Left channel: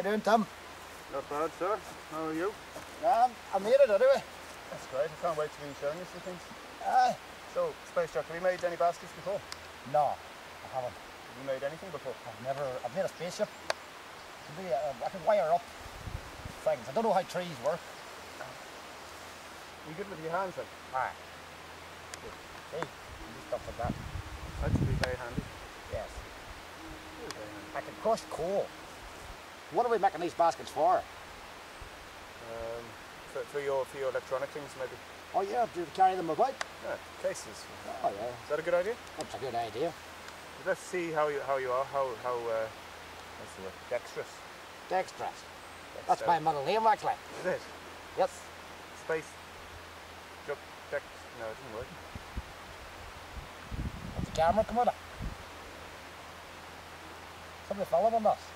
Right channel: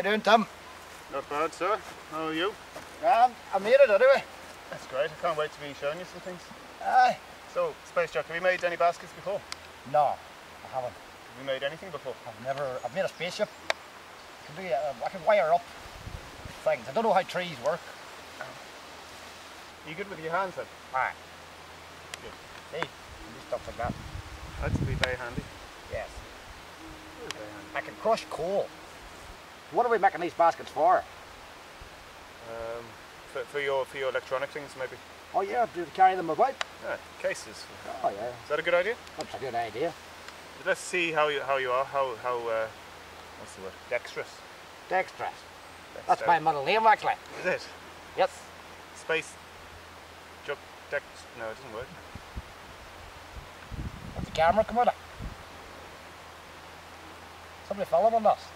you doing, Tim? Not bad, sir. How are you? I made it anyway. That's great. I can't wait to be showing you some things. Aye. So, Spacejuck, have you made any baskets before? No, I haven't. Have you made anything before? I've made a spaceship. I can wire up things. I don't know how trees work. Are you good with your hands then? Aye. Good. See, you do stuff like that. That'd be very handy. Yes. Very handy. I can crush coal. What are we making these baskets for? For your electronic things, maybe? Oh yeah, to carry them about. Yeah, cases. Oh yeah. Is that a good idea? That's a good idea. Let's see how you are. What's the word? Dexterous. Dexterous. That's my middle name actually. Is it? Yes. Spacejuck Dex. No, it doesn't work. What's the camera come out of? Somebody filming us.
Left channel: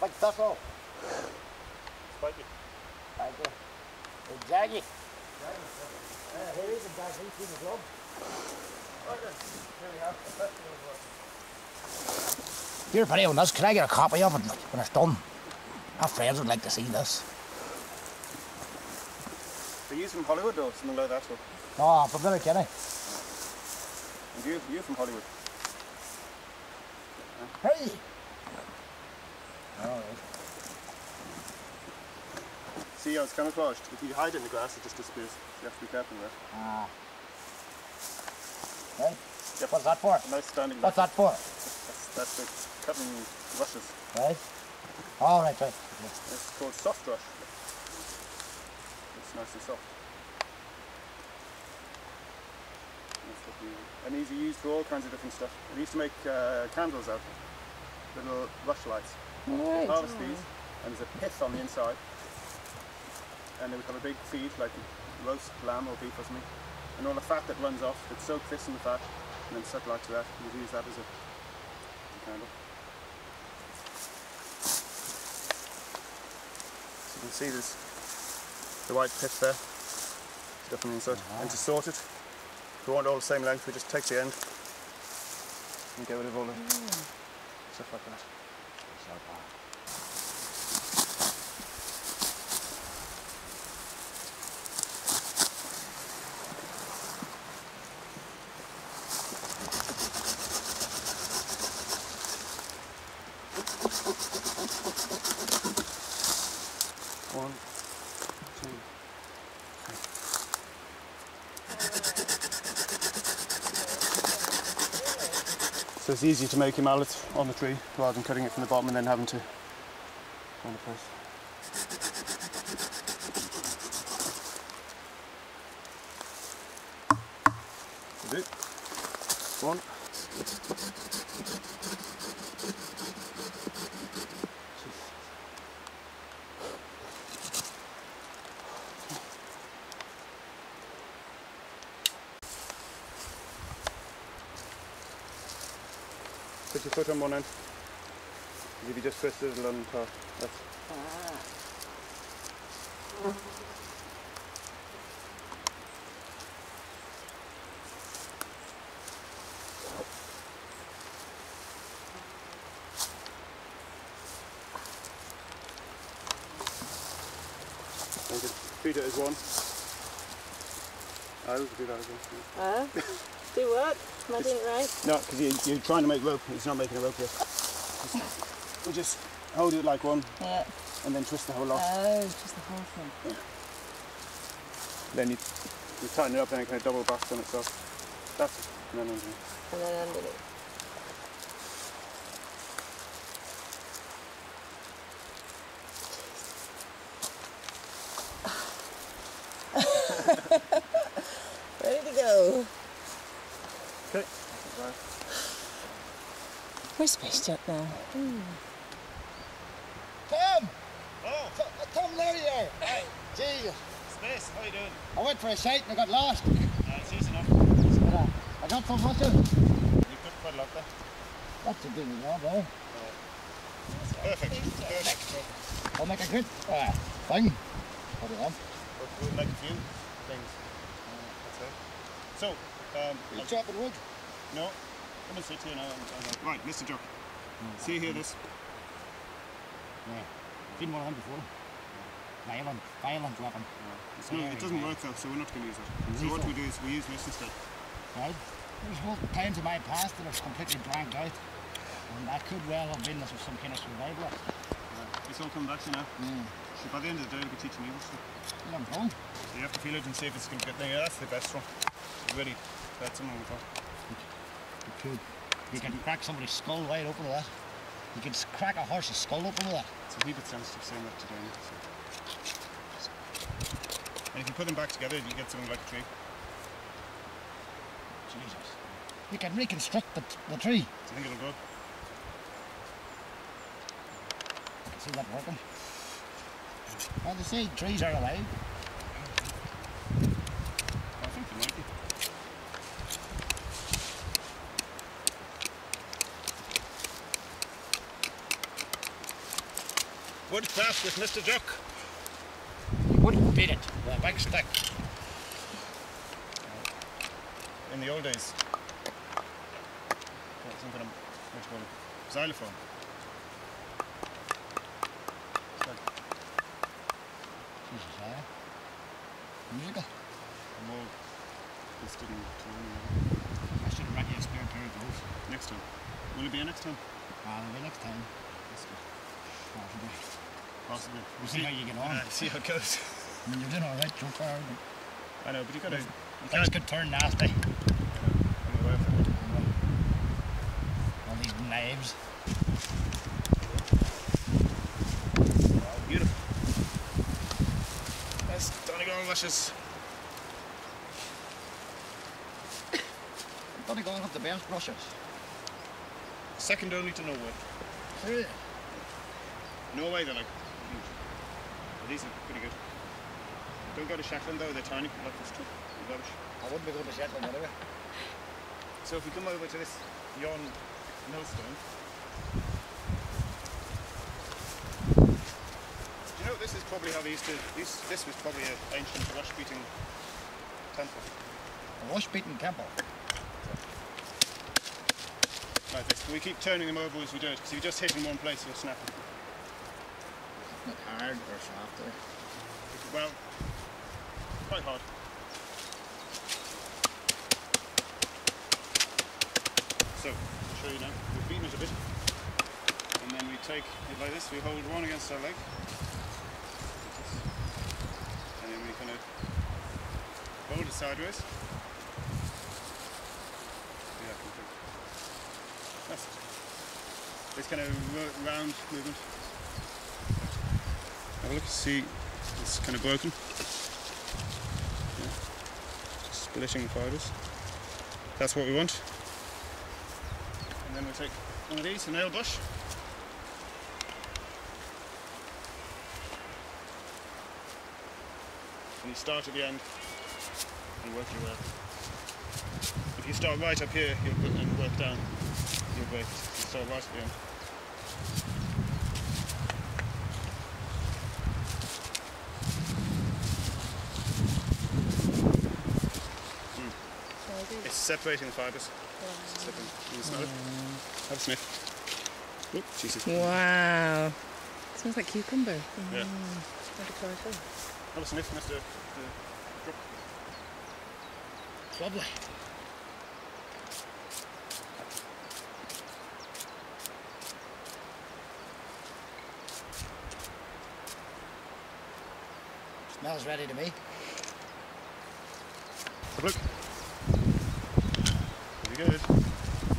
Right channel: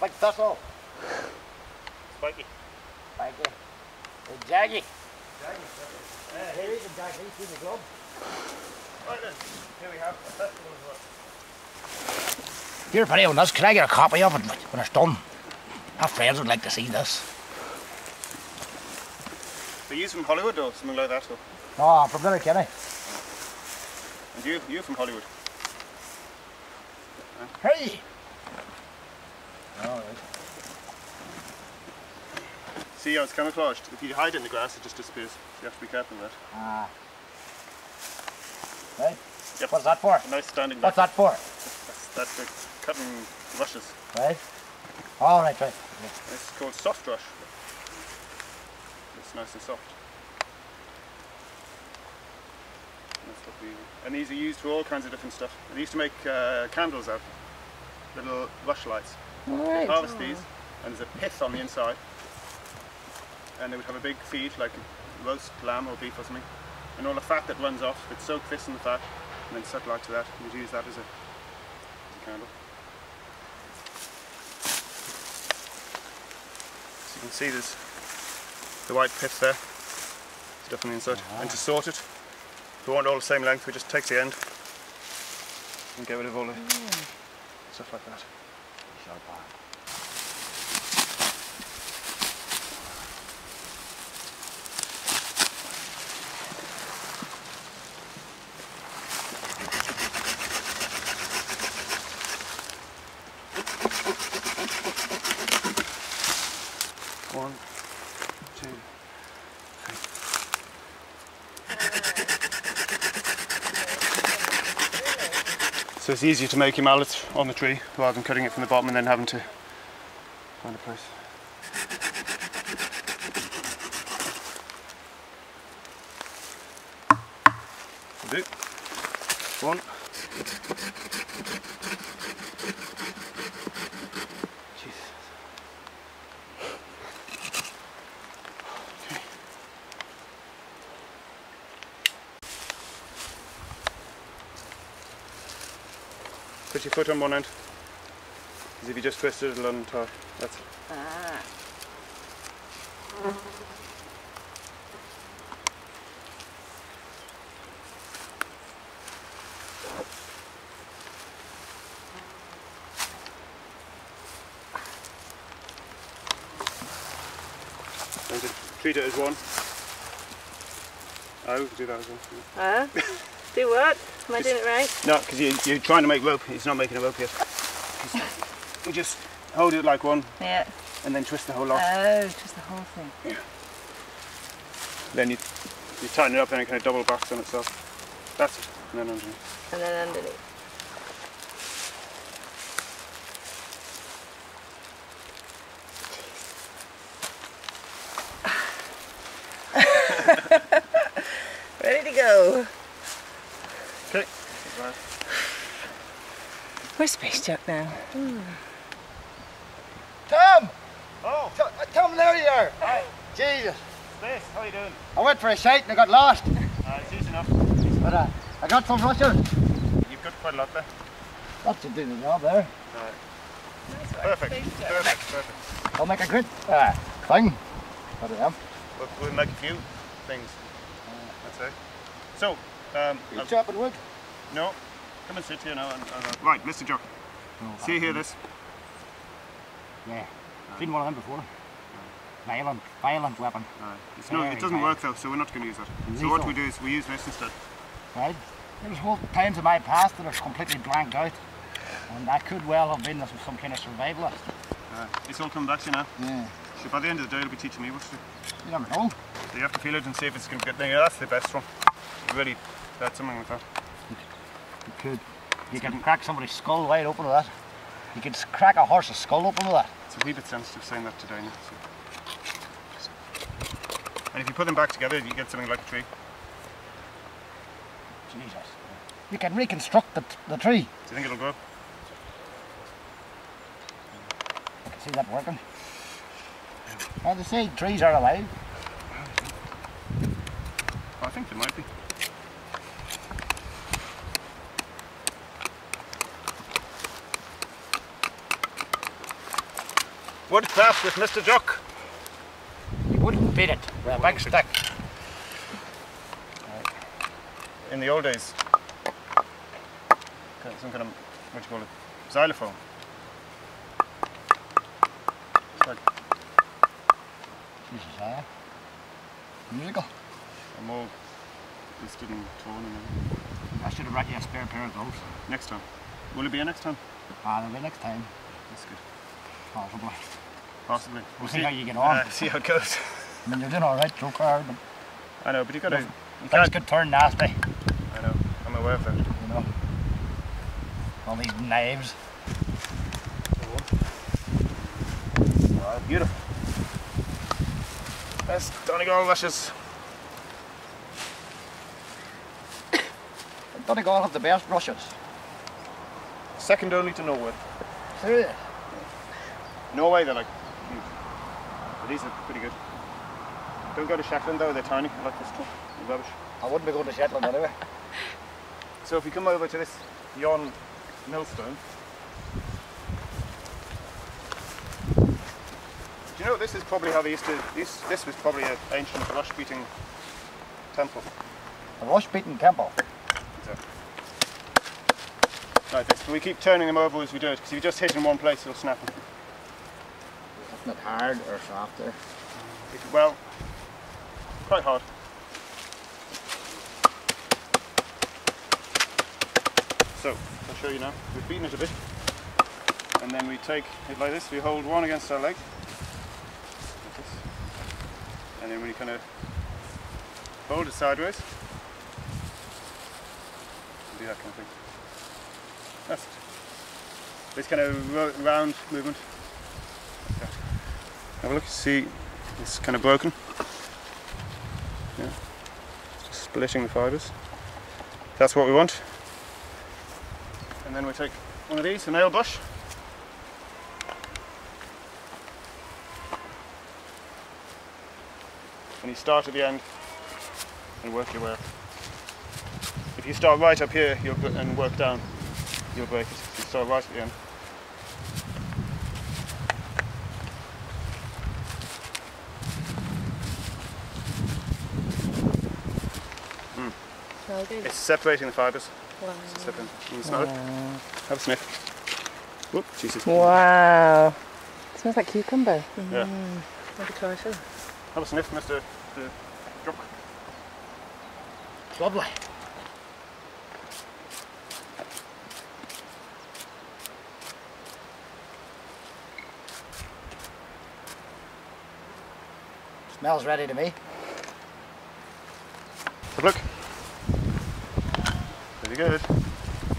Like thistle. Spiky. Spiky. It's jaggy. Jaggy. Here you can jag these in the glove. Right then, here we have a festival as well. You're pretty on this. Can I get a copy of it when it's done? My friends would like to see this. Are you from Hollywood or something like that? Or? No, I'm from Letterkenny. And you from Hollywood? Hey! Alright. See how it's camouflaged? If you hide it in the grass, it just disappears. So you have to be careful of that. Ah. Right. Yep. What's that for? A nice standing What's back. that for? That's for cutting rushes. Right. All right, right. It's called soft rush. It's nice and soft. That's what and these are used for all kinds of different stuff. They used to make candles out, little rush lights. Right. They'd harvest these, and there's a pith on the inside, and they would have a big feed, like a roast lamb or beef or something, and all the fat that runs off, they'd soak this in the fat, and then set light to that, and you'd use that as a candle. So you can see there's the white pith there, stuff on the inside, and to sort it, if we want all the same length, we just take the end and get rid of all the stuff like that. One, two, three. So it's easier to make your mallet on the tree rather than cutting it from the bottom and then having to find a place. Do. One. Jesus. Okay. Put your foot on one end. Because if you just twist it, it'll untie. That's it. And just treat it as one. Oh, do that as one. Do what? Am I doing it right? No, because you're trying to make rope. It's not making a rope yet. You just hold it like one. Yeah. And then twist the whole lot. Oh, just the whole thing. Yeah. Then you tighten it up and it kind of double backs on itself. That's it. And then underneath. And then underneath. Ready to go. Okay. Where's Spacejuck now? Tom! Oh! Tom, there you are! Hi! Jesus! Space, how are you doing? I went for a shite and I got lost. It's easy enough. But I got some rushes. You've got quite a lot there. That should do the job there. Right. Nice one. Perfect. Spacejuck. Perfect. I'll make a good thing. But I am. but we'll make a few things. I'd say. So, You chopping wood? no, come and sit here now. Right, Mr. Jock. See here this? Yeah. Seen one of them before. Violent weapon. It doesn't work though, so we're not going to use that. So what we do is we use this instead. Right. There's whole towns in my past that are completely blanked out, and that could well have been some kind of survivalist. It's all coming back to you now. Yeah. So by the end of the day, it'll be teaching me what to do. You never know. So you have to feel it and see if it's going to get there. Yeah, that's the best one. You really had something with that. You could. You can crack somebody's skull wide open with that. You could crack a horse's skull open with that. It's a wee bit sensitive saying that today now. So. And if you put them back together, you get something like a tree. Jesus. You can reconstruct the tree. Do you think it'll grow? I can see that working. How they say trees are alive. I think they might be. Woodcraft with Mr. Jock. You wouldn't beat it with a big stick. In the old days, some kind of, what do you call it, xylophone. It's like Jesus, musical. I'm all twisted and torn. And I should have brought you a spare pair of gloves. next time. Will it be a next time? That'll be next time. That's good. Possibly. Possibly. We'll see how you get on. See how it goes. I mean, you're doing alright so far. I know, but you gotta. You Things can't. could turn nasty. I know. I'm aware of that. You know. All these knives. Beautiful. That's Donegal lashes. Donegal have the best brushes. Second only to Norway. Serious? Norway, they're like huge. But these are pretty good. Don't go to Shetland though, they're tiny. I like this stuff. They're rubbish. I wouldn't be going to Shetland anyway. So if you come over to this yon millstone, do you know this is probably how they used to, this was probably an ancient rush-beating temple. A rush-beaten temple. Exactly. Like this, but we keep turning them over as we do it, because if you just hit in one place it'll snap them. Isn't it hard or soft there? Well, quite hard. So, I'll show you now. We've beaten it a bit, and then we take it like this. We hold one against our leg, like this, and then we kind of hold it sideways. Do that kind of thing. That's it. This kind of round movement. Like that. Have a look. See, it's kind of broken. Yeah. Just splitting the fibres. That's what we want. And then we take one of these, a nail brush. And you start at the end and work your way up. If you start right up here and work down, you'll break it. If you start right at the end. It's separating the fibres. Wow. Can you smell it? Have a sniff. Whoop, Jesus. Wow. Smells like cucumber. Yeah. Maybe try some. Have a sniff, Mr. Jock. It's lovely. Smells ready to me. Have a look. Very good.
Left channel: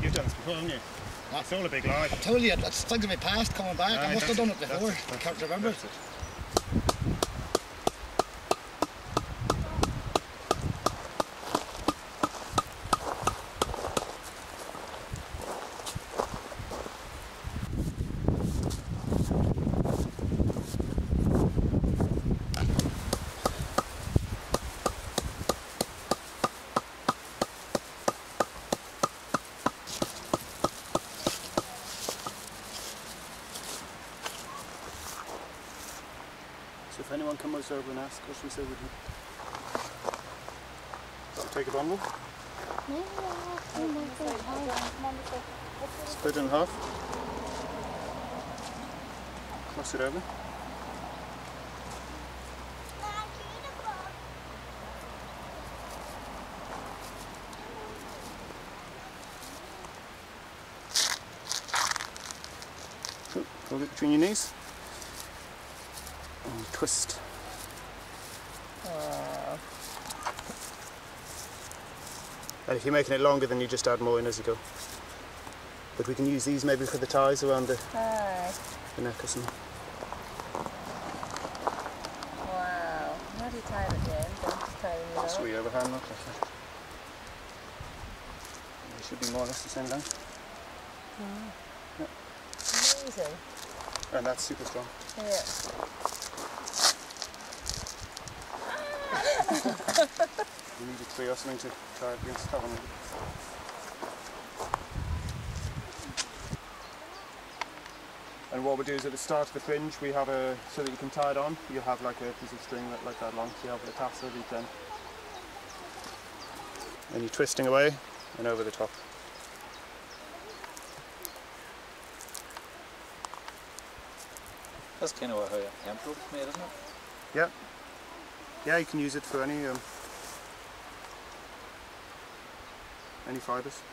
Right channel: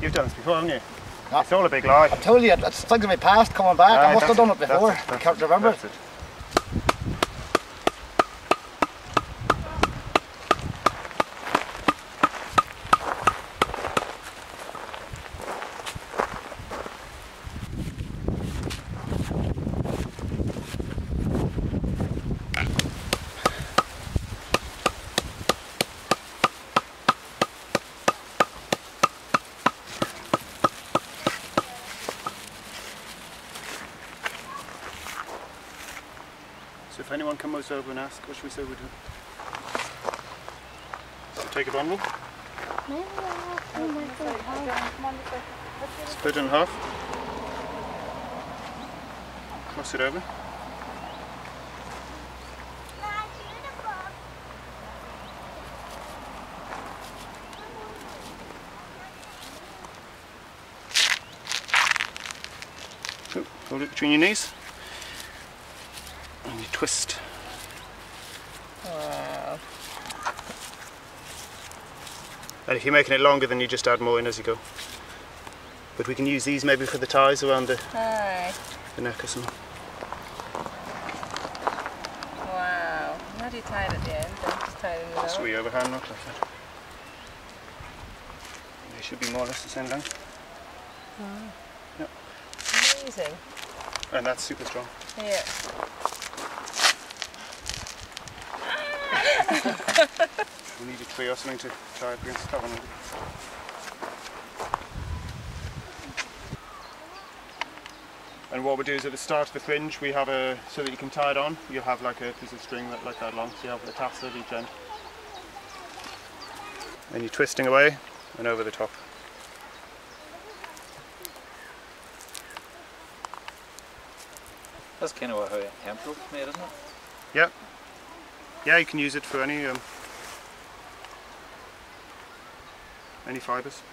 You've done this before, haven't you? No. It's all a big lie. I told you, it's things of my past coming back. I must have done it before. I can't remember. That's it. if anyone comes over and asks, what should we say we do? So take a bundle, split it in half, cross it over. Hold it between your knees and you twist. Wow. And if you're making it longer, then you just add more in as you go. But we can use these maybe for the ties around the neck or something. Wow. How do you tie it at the end? Then just tie it in the Just middle. we overhand knot like that. They should be more or less the same length. Yep. Amazing. And that's super strong. Yeah. We need a tree or something to tie up against that one. And what we do is at the start of the fringe we have so that you can tie it on, you'll have like a piece of string like that long, so you have a tassel at each end. And you're twisting away and over the top. That's kind of how hemp rope's made, isn't it? Yeah. Yeah, you can use it for any fibres.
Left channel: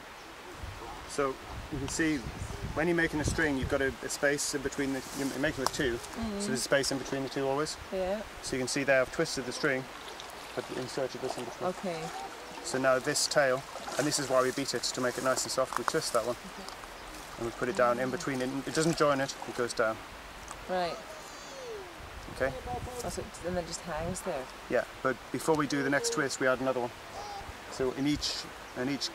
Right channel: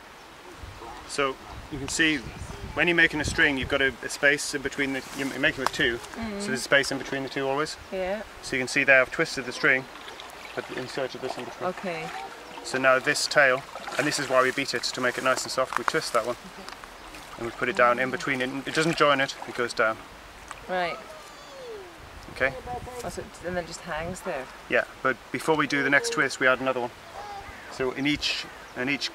So you can see when you're making a string, you've got a space in between the. You're making with two, so there's a space in between the two always. Yeah. So you can see there I've twisted the string, but inserted this in between. Okay. So now this tail, and this is why we beat it to make it nice and soft. We twist that one, and we put it down in between. It doesn't join it; it goes down. Right. Okay. Oh, so and then it just hangs there. Yeah, but before we do the next twist, we add another one. So in each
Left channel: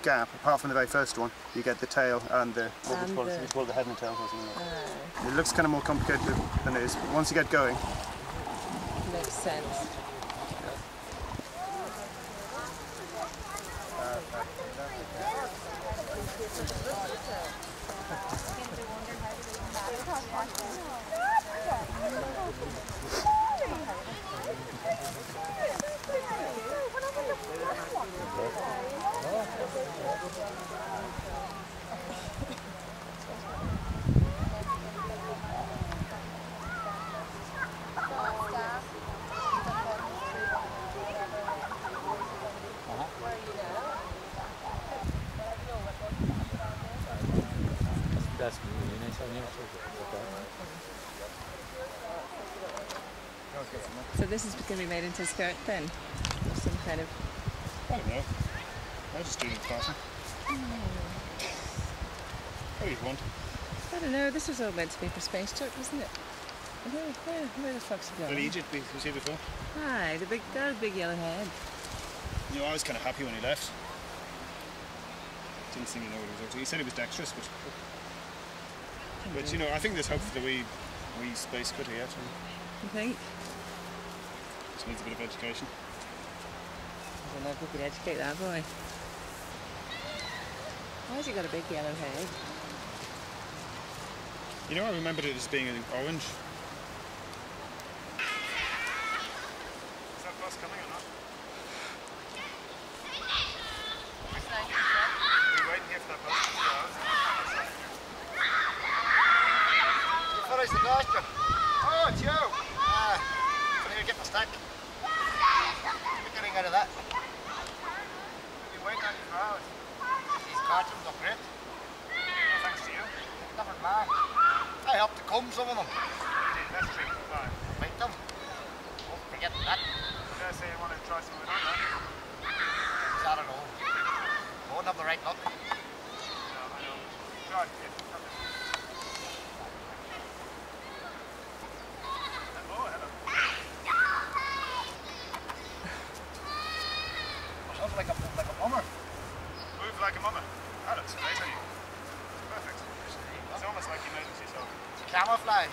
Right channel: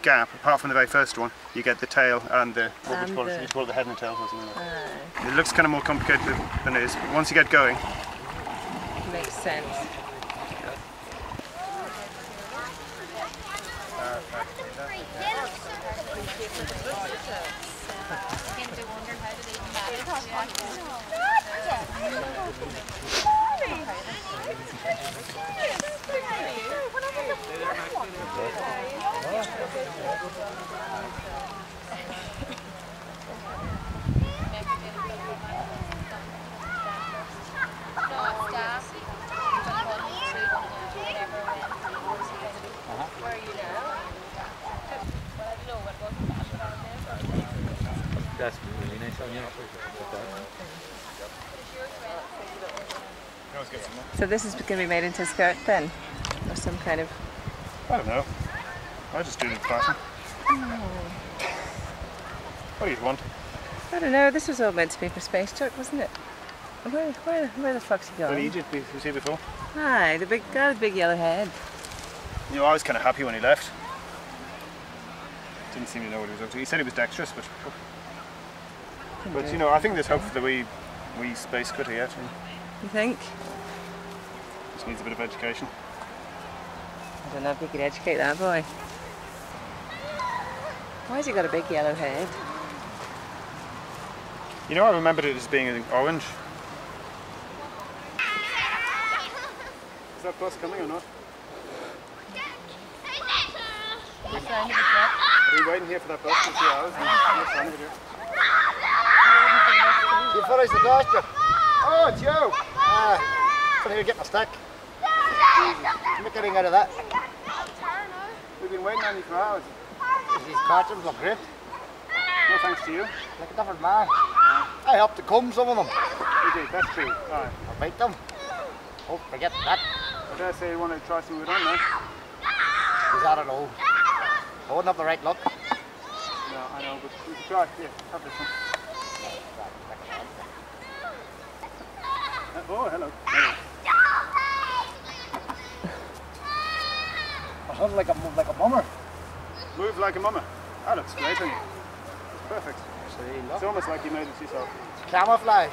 gap, apart from the very first one, you get the tail and the what would you call it? You call it the head and the tail or something like that. It looks kind of more complicated than it is, but once you get going, Makes sense. That's really nice on you actually. So this is going to be made into a skirt then? Or some kind of... I don't know. I just do it in fashion. What do you want? I don't know, this was all meant to be for Spacejuck, wasn't it? Where the fuck's he Well, going? Egypt, you see before? Aye, the big yellow head. You know, I was kind of happy when he left. Didn't seem to know what he was up to. He said he was dexterous, but you know, I think there's hope for the wee space critter yet. You think? Just needs a bit of education. I don't know if we could educate that boy. Why has he got a big yellow head? You know, I remembered it as being orange. Is that bus coming or not? Are we waiting here for that bus for 2 hours? You finished the pasture? Oh, it's you! Come here, get my stick. Make a ring out of that. We've been waiting on you for hours. These cartons look great. No thanks to you. Like a different man. I helped to comb some of them. You did, that's true. Alright. I'll bite them. Oh, forget that. I dare say you want to try some with on now. Because I don't know. I wouldn't have the right luck. No, I know, but we can try. Here, have this one. Oh, hello. I sound like a mummer. Move like a mummer. That looks great on you. It's perfect. It's almost like you made it yourself. It's camouflage.